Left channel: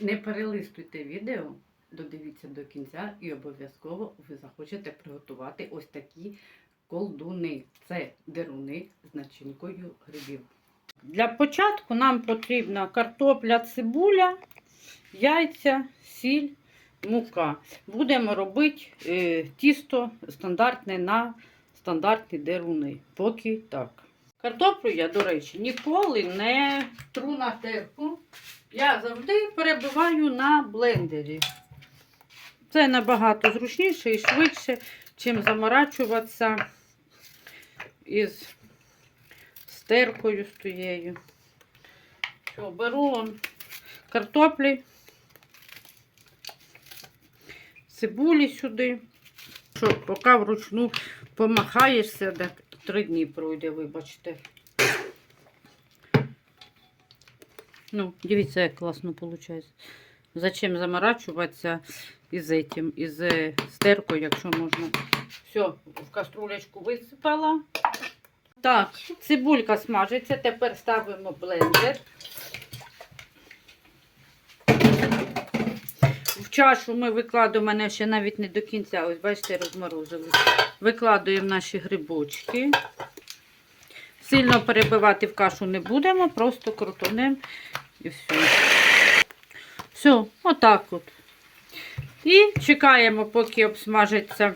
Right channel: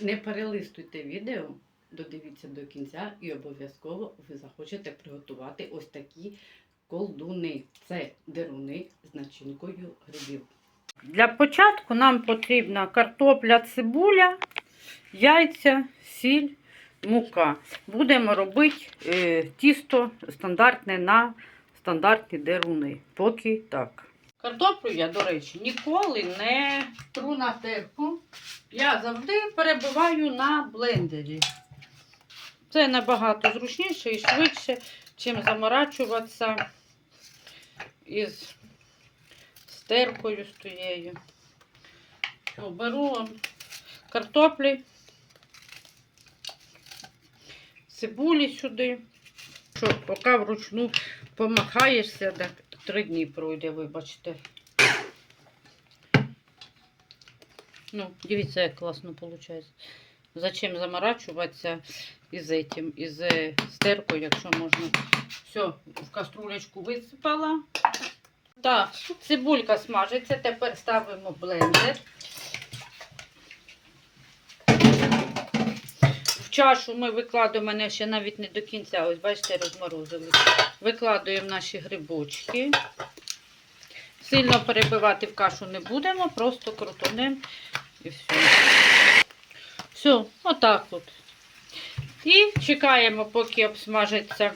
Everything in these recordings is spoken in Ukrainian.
Не перелистуйте відео, додивіться до кінця і обов'язково ви захочете приготувати ось такі колдуни. Це деруни з начинкою грибів. Для початку нам потрібна картопля, цибуля, яйця, сіль, мука. Будемо робити е, тісто стандартне на стандартні деруни. Поки так. Картоплю я, до речі, ніколи не тру на терку. Я завжди перебиваю на блендері. Це набагато зручніше і швидше, чим заморачуватися із стеркою з тією. Що, беру картоплі, цибулі сюди. Що, поки вручну помахаєшся, три дні пройде, вибачте. Ну, дивіться, як класно виходить. Зачем заморачуватися із этим, із е, стеркою, якщо можна. Все, в каструлечку висипала. Так, цибулька смажиться. Тепер ставимо блендер. Чашу ми викладаємо, у мене ще навіть не до кінця, ось бачите, розморозили. Викладуємо наші грибочки. Сильно перебивати в кашу не будемо, просто крутонем і все. Все, отак от. І чекаємо, поки обсмажиться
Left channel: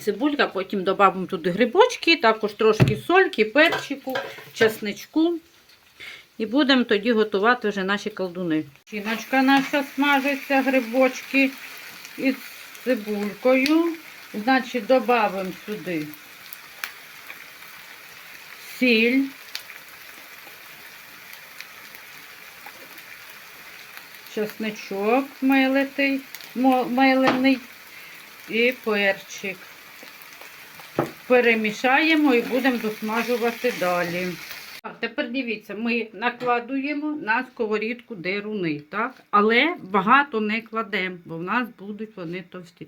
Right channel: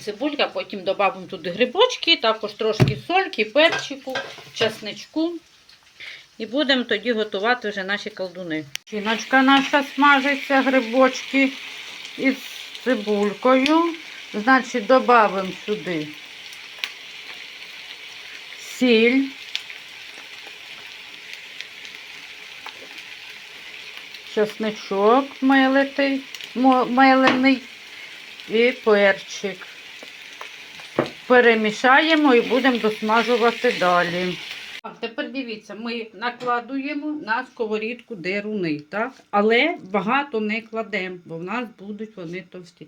цибулька, потім додамо туди грибочки, також трошки сольки, перчику, чесничку. І будемо тоді готувати вже наші колдуни. Шиночка наша смажиться, грибочки із цибулькою. Значить, додамо сюди сіль. Чесничок милитий, милений і перчик. Перемішаємо і будемо досмажувати далі. Тепер дивіться, ми накладуємо на сковорідку деруни, так? Але багато не кладемо, бо в нас будуть вони товсті.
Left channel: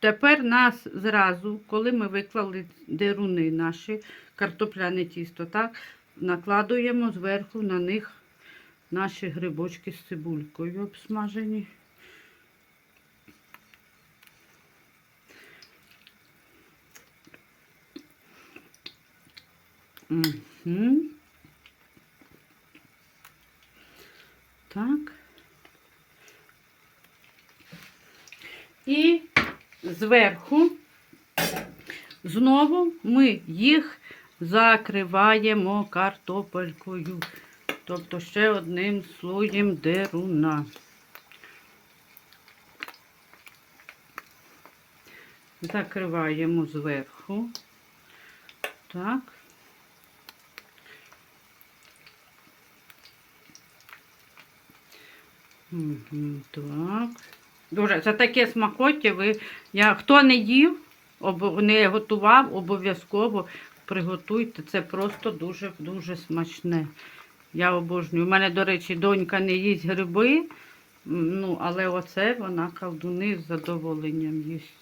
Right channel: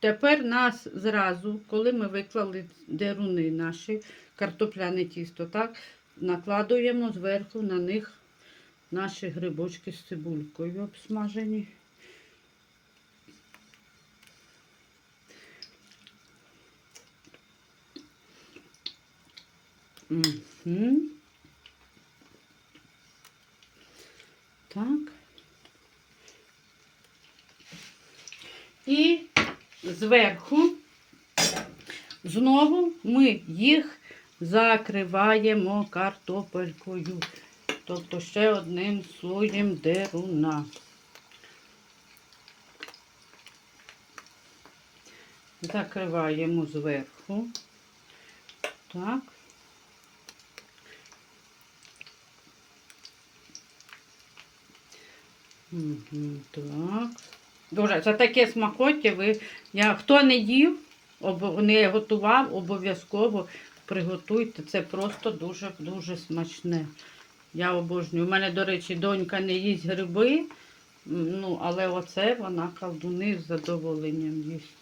Тепер нас зразу, коли ми виклали деруни наші, картопляне тісто, так? Накладуємо зверху на них наші грибочки з цибулькою обсмажені. Угу. Так. І зверху знову ми їх закриваємо картопелькою. Тобто ще одним слоєм деруна. Закриваємо зверху. Так. Так. Дуже, це таке смакоття. Ви, я, хто не їв, обо- не готував, обов'язково приготуйте. Це просто дуже-дуже смачне. Я обожнюю. У мене, до речі, донька не їсть гриби, ну, але оце вона колдуни з задоволенням їсть.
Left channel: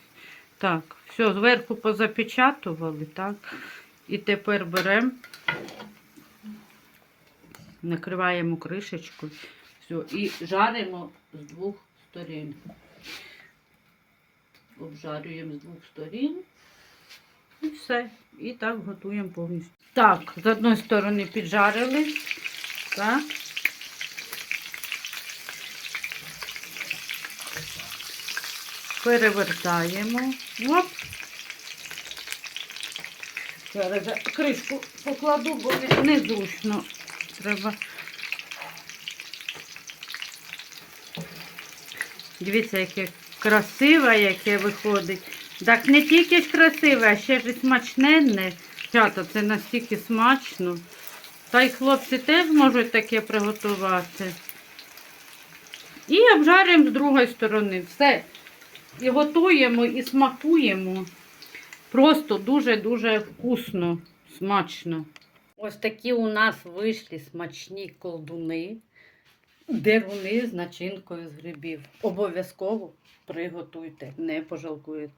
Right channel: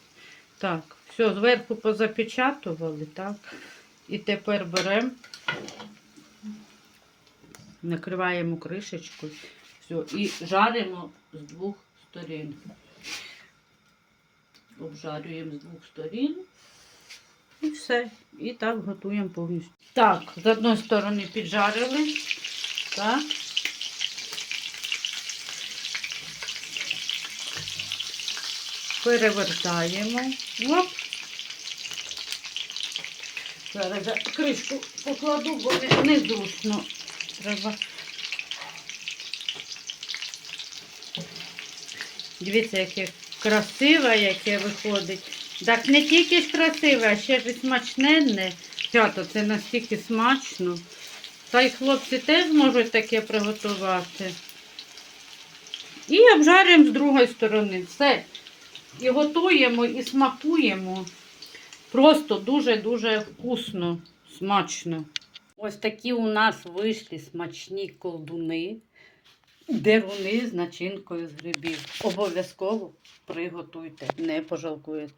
Так, все, зверху позапечатували, так. І тепер беремо, накриваємо кришечкою. Все, і жаримо з двох сторін. Обжарюємо з двох сторін. І все. І так готуємо повністю. Так, з одної сторони піджарили. Так. Перевертаємо. Оп. Зараз кришку покладу, бо незручно. Треба. Дивіться, яке красиве, яке виходить. Так не тільки ж красиве, а ще ж і смачненне. Чата, це настільки смачно. Та й хлопці теж можуть таке приготувати. І обжарюємо з другої сторони. Все. І готуємо, і смакуємо. Просто дуже-дуже вкусно, смачно. Ось такі у нас вийшли смачні колдуни, деруни з начинкою з грибів. Обов'язково приготуйте, не пожалкуєте.